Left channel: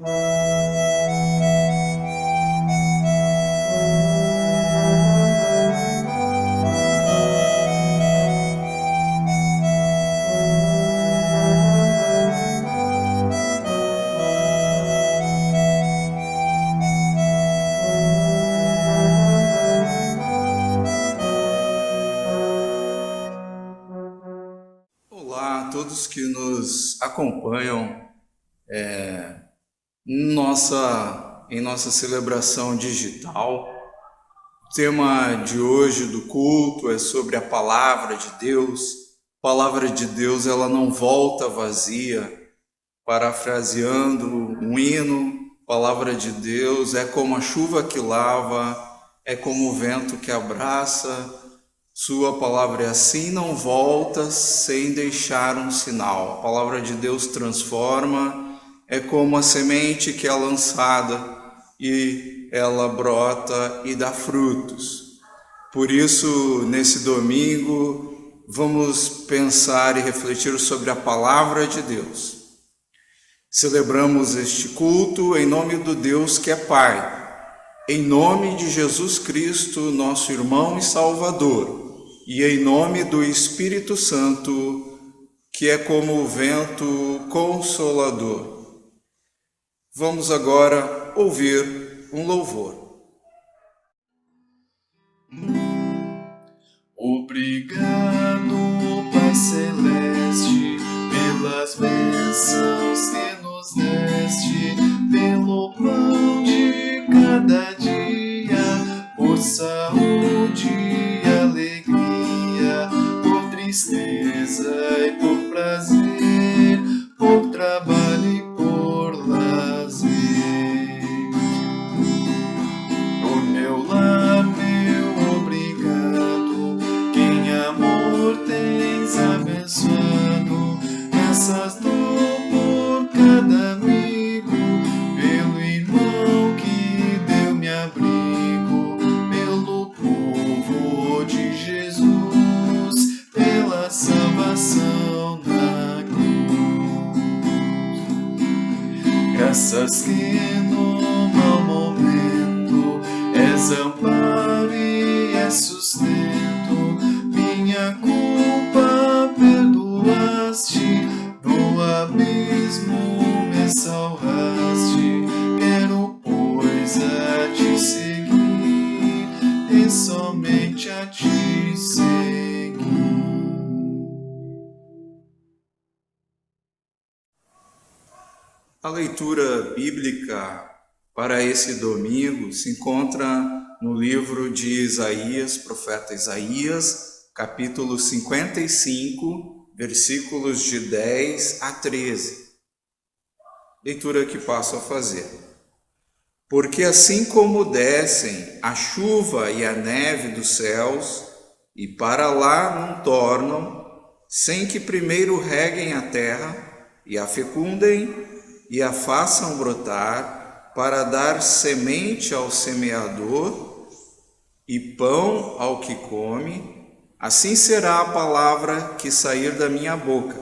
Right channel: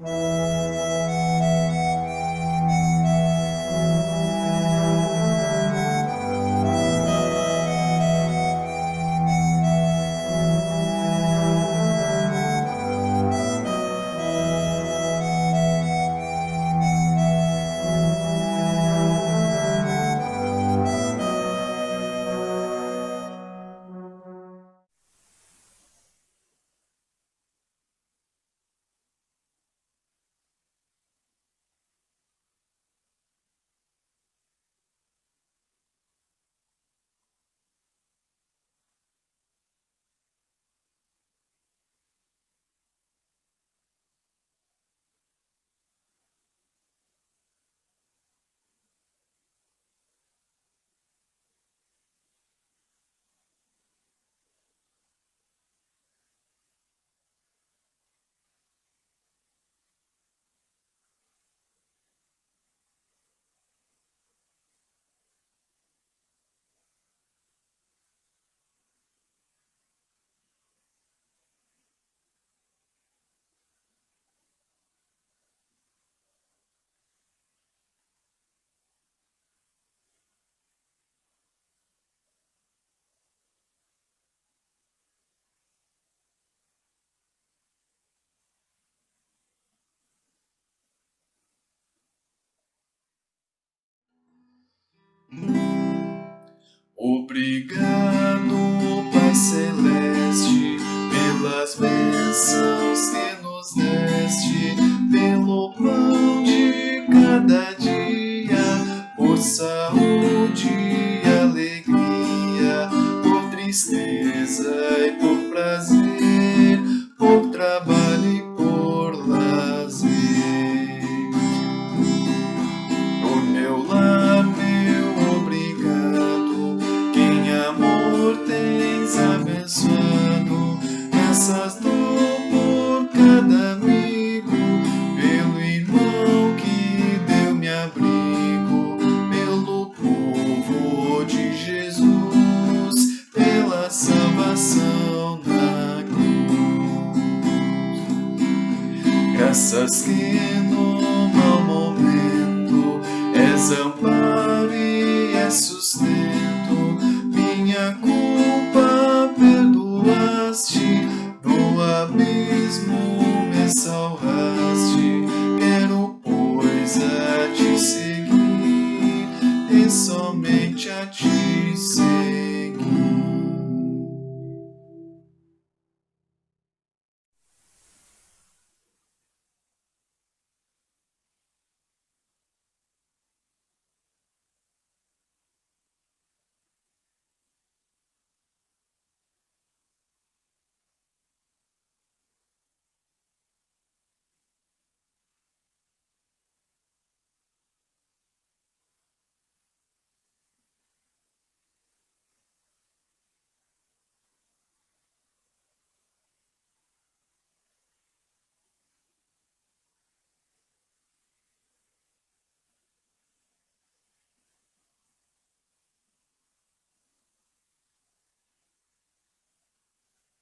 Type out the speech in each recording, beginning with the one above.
Olá a todos que nos acompanham em nossa celebração digital. O tema de hoje do culto é sobre a palavra de Deus. A palavra de Deus, ela não volta vazia. Parafraseando um hino, a palavra de Deus é como a chuva que lava, é como o vento que abraça. Sua palavra é assim, não volta sem deixar um sinal. A palavra de Deus transforma, é como a semente que é lançada e ela brota e dá frutos. Por isso, nesse domingo, vamos pensar e refletir sobre a palavra de Deus. Celebramos este culto em nome do Deus que é Pai, em nome de Jesus Cristo, nosso irmão e Salvador, e em nome do Espírito Santo, que é como o vento consolador. Vamos agora ouvir um louvor. Obrigado, Pai Celeste, pelas bênçãos que nos deste, pelo pão de cada dia, por saúde e alegria, por tristeza e por prazer, por trabalho e por lazer. Por meu lar, meu obrigado, quem amor tens abençoado, graças dou por cada amigo, pelo irmão que deu-me abrigo, pelo povo de Jesus, pela salvação da cruz. Graças que no mau momento és amparo e és sustento, minha culpa perdoaste, do abismo me salvaste. Quero, pois, a te seguir e somente a te seguir. A leitura bíblica para esse domingo se encontra no livro de Isaías, profeta Isaías, capítulo 55, versículos de 10 a 13. Leitura que passo a fazer. Porque assim como descem a chuva e a neve dos céus, e para lá não tornam, sem que primeiro reguem a terra, e a fecundem, e a façam brotar, para dar semente ao semeador e pão ao que come, assim será a palavra que sair da minha boca.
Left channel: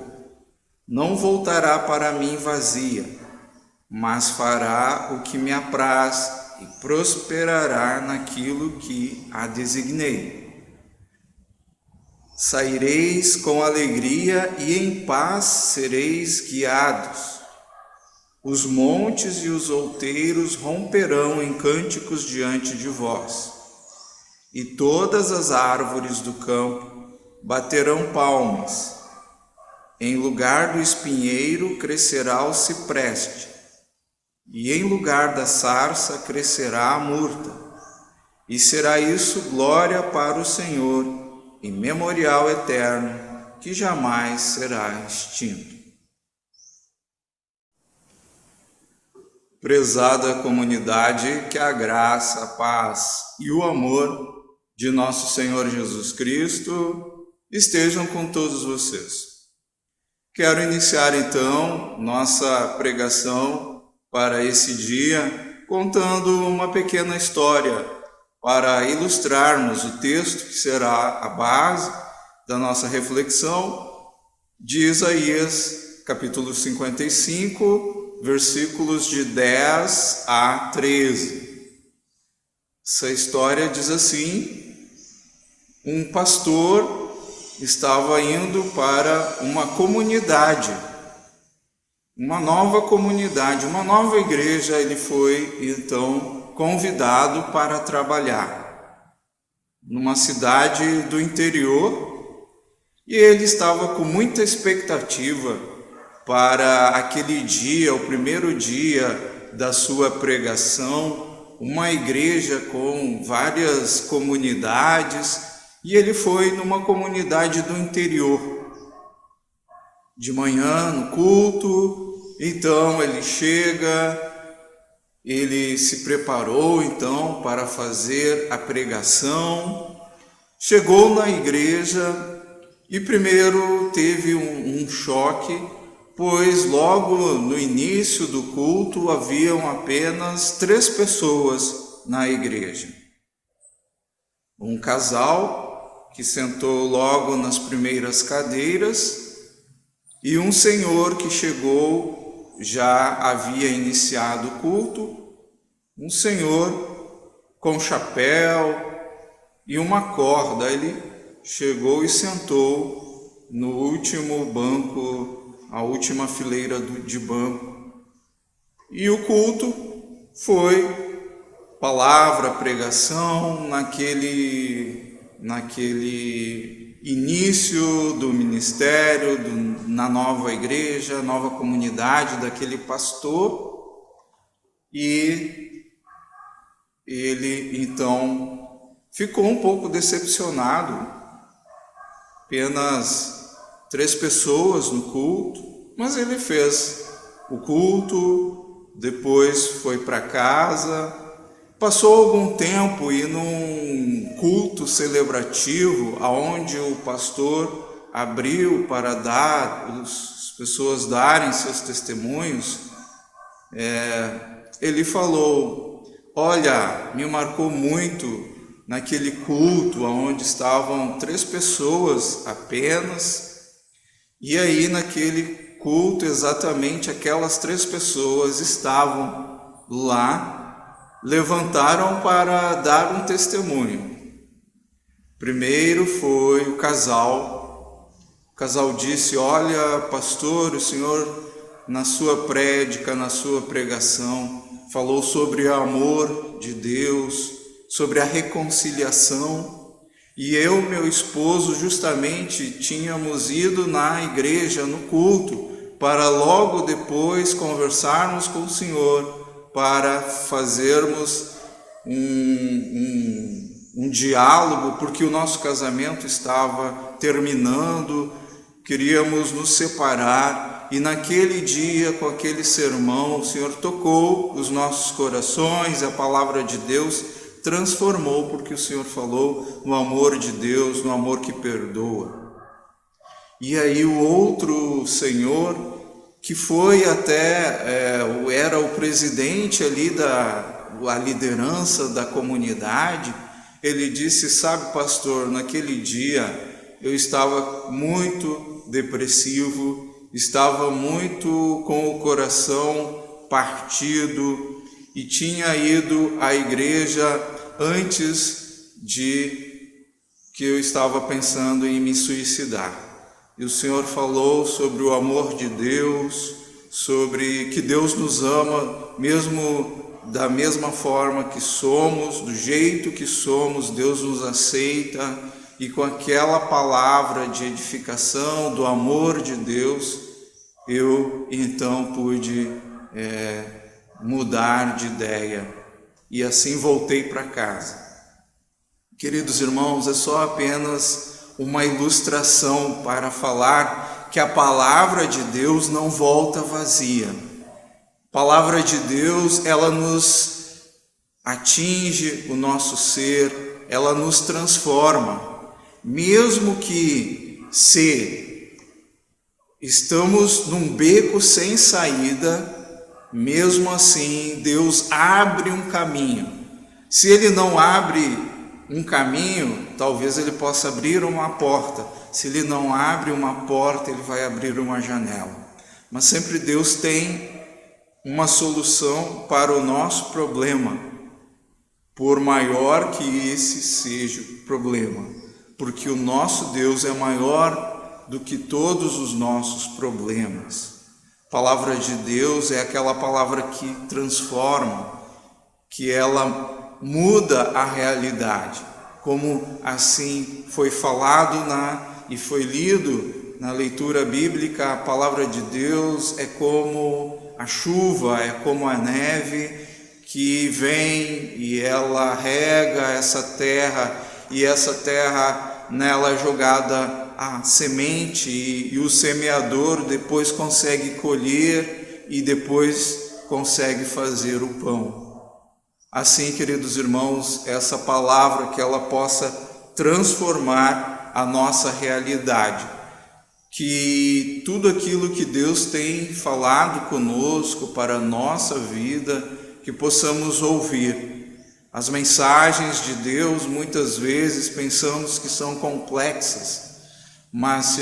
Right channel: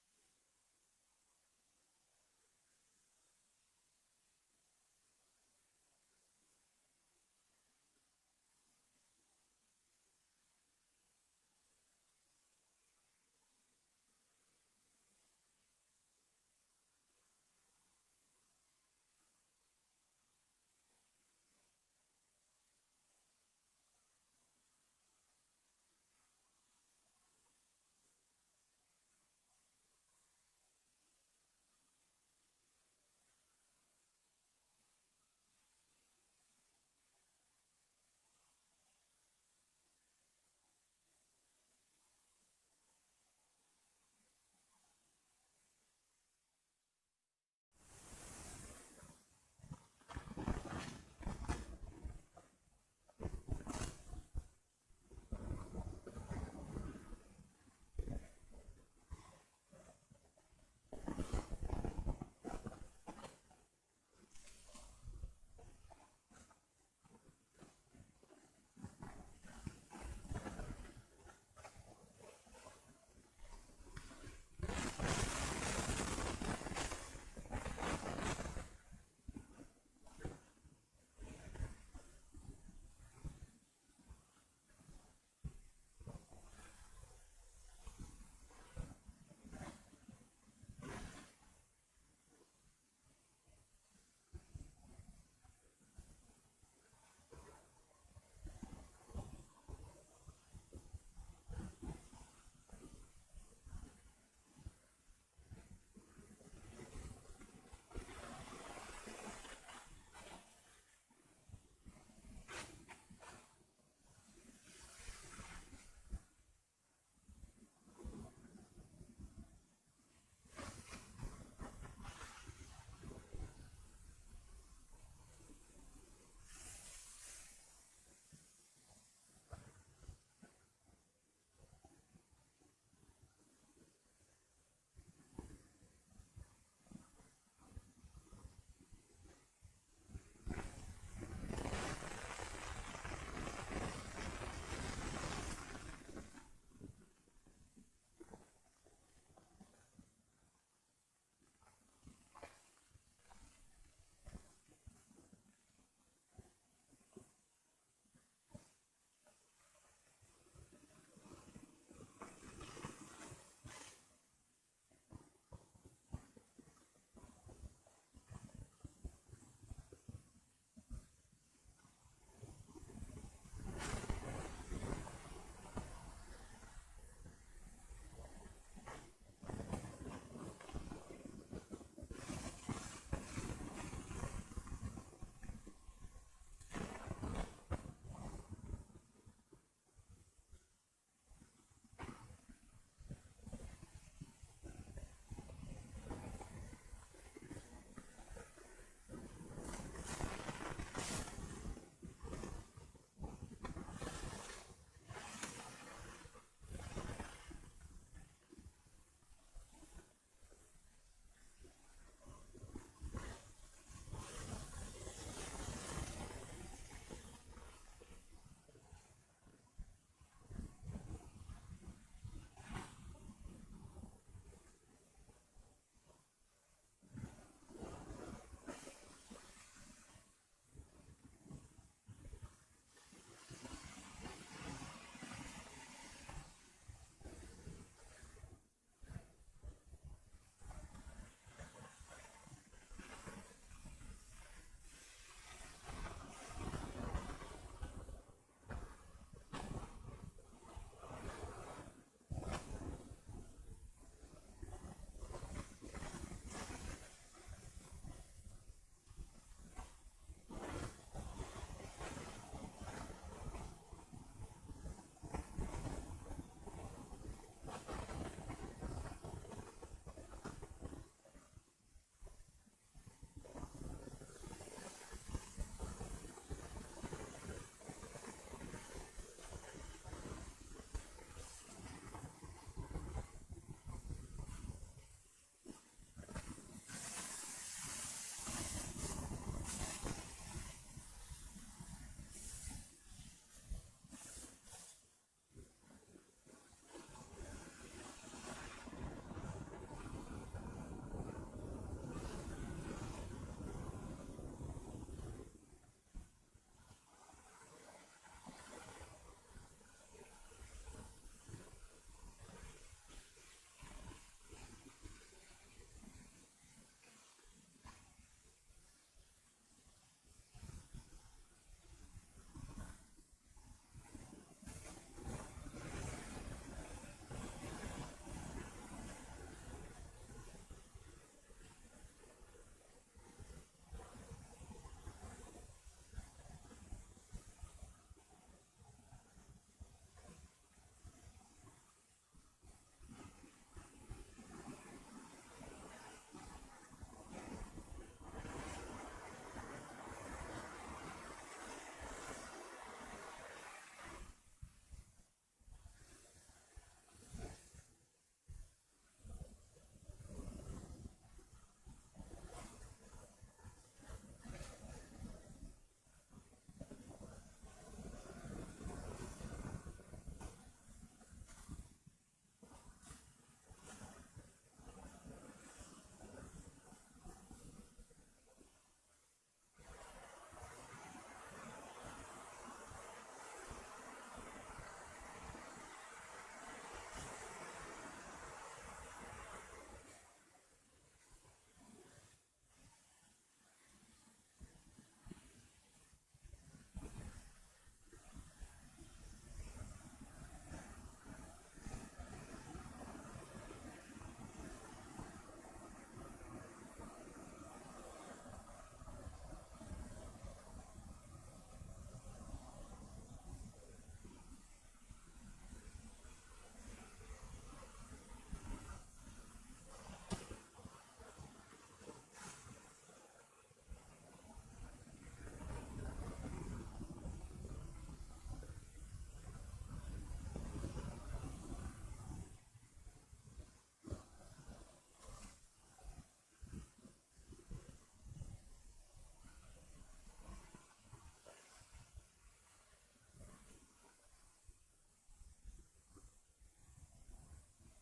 Não voltará para mim vazia, mas fará o que me apraz e prosperará naquilo que a designei. Saireis com alegria e em paz sereis guiados. Os montes e os outeiros romperão em cânticos diante de vós, e todas as árvores do campo baterão palmas. Em lugar do espinheiro crescerá o cipreste, e em lugar da sarça crescerá a murta, e será isso glória para o Senhor, e memorial eterno, que jamais será extinto. Prezada comunidade, que a graça, a paz e o amor de nosso Senhor Jesus Cristo estejam com todos vocês. Quero iniciar então nossa pregação para esse dia contando uma pequena história para ilustrarmos o texto que será a base da nossa reflexão de Isaías, capítulo 55, versículos de 10 a 13. Essa história diz assim: um pastor estava indo para uma comunidade, uma nova comunidade, uma nova igreja. Ele foi então convidado para trabalhar numa cidade do interior, e ele estava com muita expectativa para aquele dia, o primeiro dia da sua pregação, uma igreja com várias comunidades, e ele foi numa comunidade do interior. De manhã, no culto, então ele chega, ele se preparou então para fazer a pregação, chegou na igreja e primeiro teve um choque, pois logo no início do culto haviam apenas 3 pessoas na igreja. Um casal que sentou logo nas primeiras cadeiras e um senhor que chegou, já havia iniciado o culto, um senhor com chapéu e uma corda. Ele chegou e sentou no último banco, a última fileira de banco. E o culto foi palavra, pregação, naquele início do ministério, na nova igreja, nova comunidade daquele pastor. E ele então ficou um pouco decepcionado, apenas 3 pessoas no culto, mas ele fez o culto, depois foi para casa. Passou algum tempo e num culto celebrativo, aonde o pastor abriu para as pessoas darem seus testemunhos, ele falou: olha, me marcou muito naquele culto onde estavam 3 pessoas apenas, e aí naquele culto exatamente aquelas 3 pessoas estavam lá, levantaram para dar um testemunho. Primeiro foi o casal. O casal disse: olha, pastor, o senhor na sua prédica, na sua pregação, falou sobre o amor de Deus, sobre a reconciliação, e eu e meu esposo justamente tínhamos ido na igreja, no culto, para logo depois conversarmos com o senhor, para fazermos um diálogo, porque o nosso casamento estava terminando, queríamos nos separar, e naquele dia, com aquele sermão, o Senhor tocou os nossos corações, a palavra de Deus transformou, porque o Senhor falou no amor de Deus, no amor que perdoa. E aí o outro senhor, que foi até, era o presidente ali a liderança da comunidade, ele disse: sabe, pastor, naquele dia eu estava muito depressivo, estava muito com o coração partido e tinha ido à igreja antes de que eu estava pensando em me suicidar. E o Senhor falou sobre o amor de Deus, sobre que Deus nos ama, mesmo da mesma forma que somos, do jeito que somos, Deus nos aceita. E com aquela palavra de edificação, do amor de Deus, eu então pude mudar de ideia. E assim voltei para casa. Queridos irmãos, é só apenas uma ilustração para falar que a palavra de Deus não volta vazia. A palavra de Deus, ela nos atinge o nosso ser, ela nos transforma. Mesmo que se estamos num beco sem saída, mesmo assim Deus abre um caminho. Se Ele não abre um caminho, talvez Ele possa abrir uma porta. Se Ele não abre uma porta, Ele vai abrir uma janela. Mas sempre Deus tem uma solução para o nosso problema, por maior que esse seja o problema, porque o nosso Deus é maior do que todos os nossos problemas. A palavra de Deus é aquela palavra que transforma, que ela muda a realidade, como assim foi falado e foi lido na leitura bíblica. A palavra de Deus é como a chuva, é como a neve que vem e ela rega essa terra, e essa terra nela é jogada a semente, e o semeador depois consegue colher e depois consegue fazer o pão. Assim, queridos irmãos, essa palavra que ela possa transformar a nossa realidade, que tudo aquilo que Deus tem falado conosco para a nossa vida, que possamos ouvir. As mensagens de Deus, muitas vezes, pensamos que são complexas, mas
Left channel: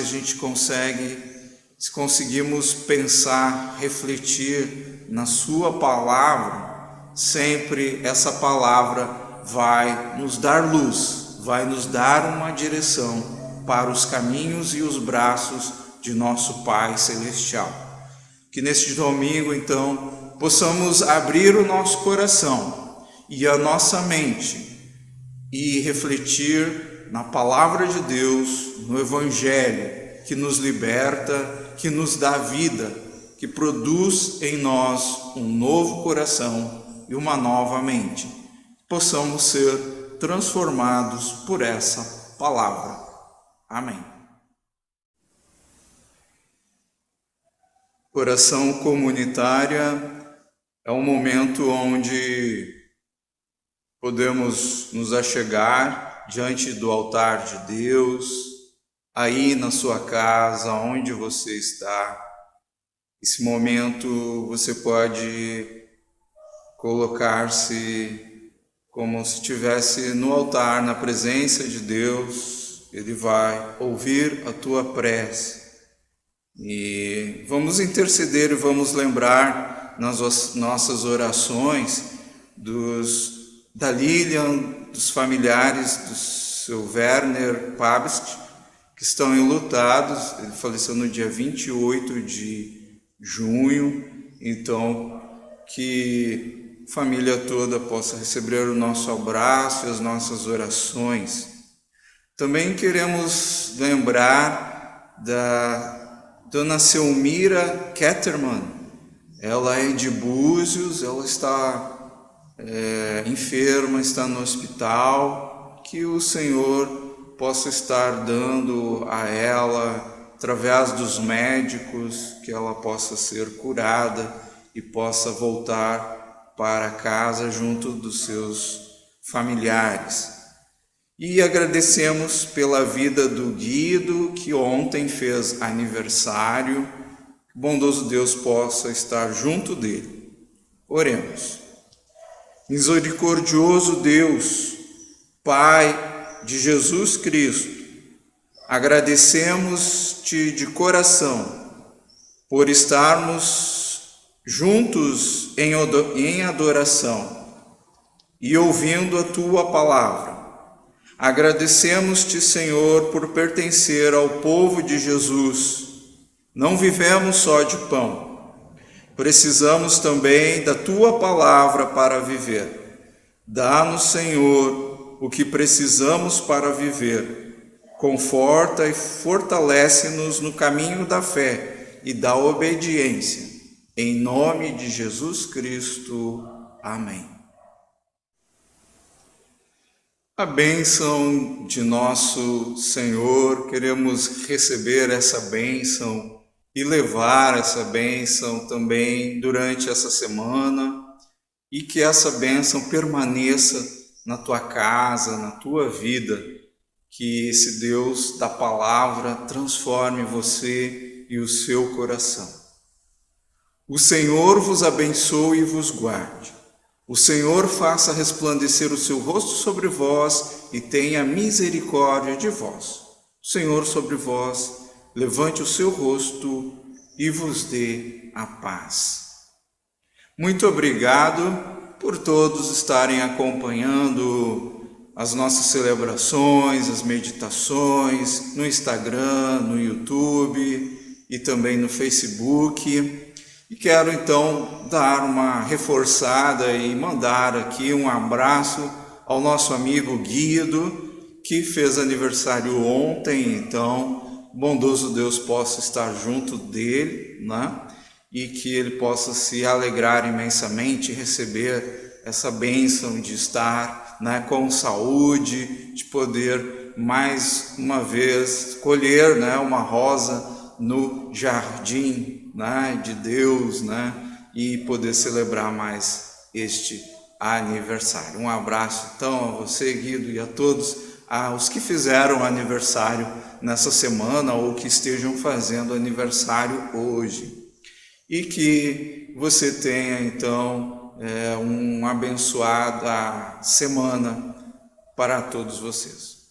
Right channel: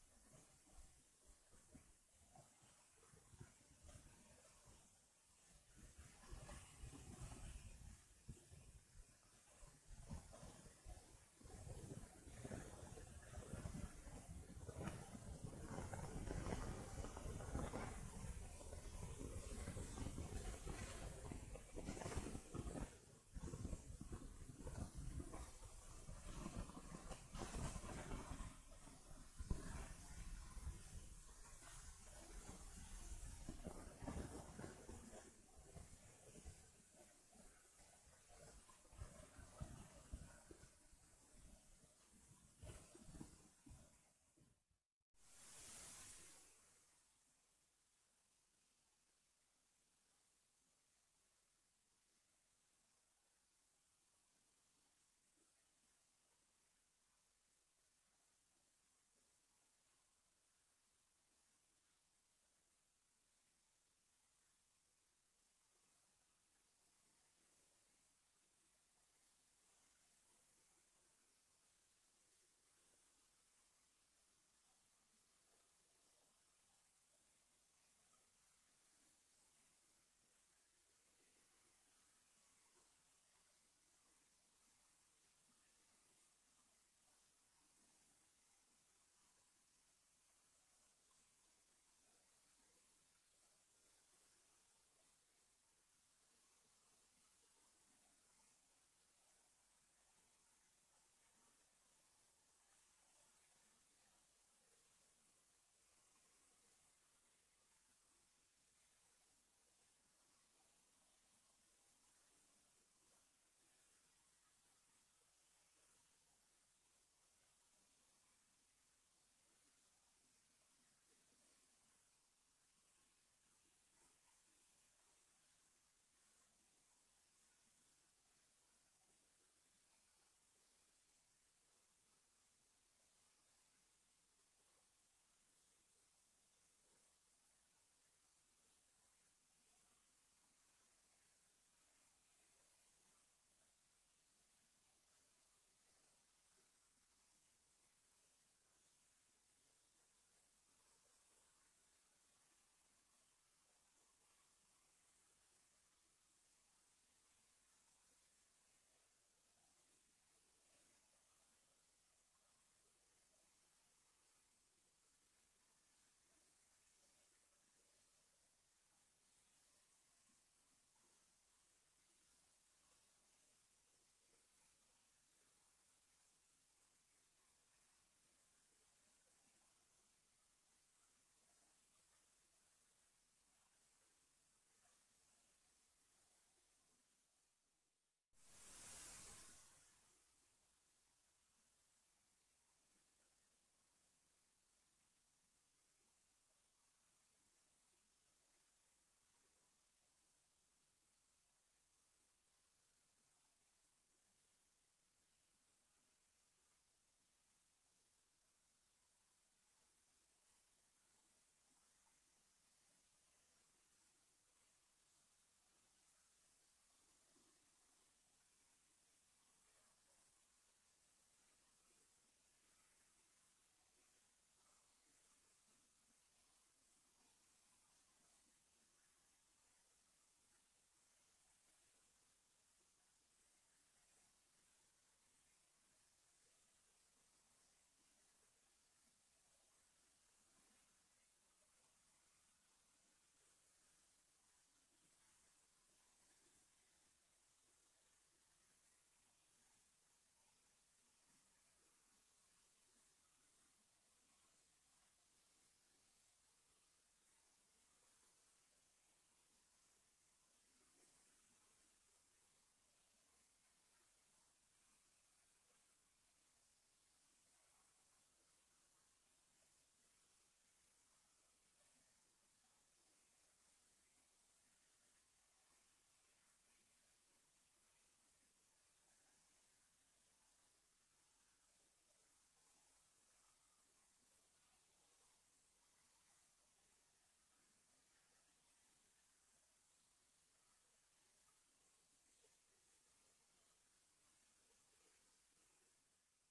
se conseguimos pensar, refletir na sua palavra, sempre essa palavra vai nos dar luz, vai nos dar uma direção para os caminhos e os braços de nosso Pai Celestial. Que neste domingo, então, possamos abrir o nosso coração e a nossa mente e refletir na palavra de Deus, no Evangelho, que nos liberta, que nos dá vida, que produz em nós um novo coração e uma nova mente. Possamos ser transformados por essa palavra. Amém. Oração comunitária é um momento onde podemos nos achegar diante do altar de Deus, aí na sua casa, onde você está. Esse momento você pode colocar-se como se estivesse no altar, na presença de Deus. Ele vai ouvir a tua prece. E vamos interceder e vamos lembrar nas nossas orações da Lilian, dos familiares do seu Werner Pabst, que estão enlutados. Ele faleceu no dia 28 de junho, então que a família toda possa receber o nosso abraço e as nossas orações. Também queremos lembrar da Dona Selmira Ketterman. Ela é de Búzios, ela está enferma, está no hospital. Que o Senhor possa estar dando a ela, através dos médicos, que ela possa ser curada e possa voltar para casa junto dos seus familiares. E agradecemos pela vida do Guido, que ontem fez aniversário. Que o bondoso Deus possa estar junto dele. Oremos. Misericordioso Deus, Pai de Jesus Cristo, agradecemos-te de coração por estarmos juntos em adoração e ouvindo a tua palavra. Agradecemos-te, Senhor, por pertencer ao povo de Jesus. Não vivemos só de pão. Precisamos também da tua palavra para viver. Dá-nos, Senhor, o que precisamos para viver. Conforta e fortalece-nos no caminho da fé e da obediência. Em nome de Jesus Cristo. Amém. A bênção de nosso Senhor, queremos receber essa bênção e levar essa bênção também durante essa semana, e que essa bênção permaneça na tua casa, na tua vida, que esse Deus da palavra transforme você e o seu coração. O Senhor vos abençoe e vos guarde. O Senhor faça resplandecer o seu rosto sobre vós e tenha misericórdia de vós. O Senhor sobre vós levante o seu rosto e vos dê a paz. Muito obrigado por todos estarem acompanhando as nossas celebrações, as meditações no Instagram, no YouTube e também no Facebook. E quero então dar uma reforçada e mandar aqui um abraço ao nosso amigo Guido, que fez aniversário ontem. Então, bondoso Deus possa estar junto dele, né? E que ele possa se alegrar imensamente e receber essa bênção de estar, né, com saúde, de poder mais uma vez colher, né, uma rosa no jardim, né, de Deus, né, e poder celebrar mais este aniversário. Um abraço então a você, Guido, e a todos os que fizeram aniversário nessa semana ou que estejam fazendo aniversário hoje. E que você tenha então uma abençoada semana para todos vocês.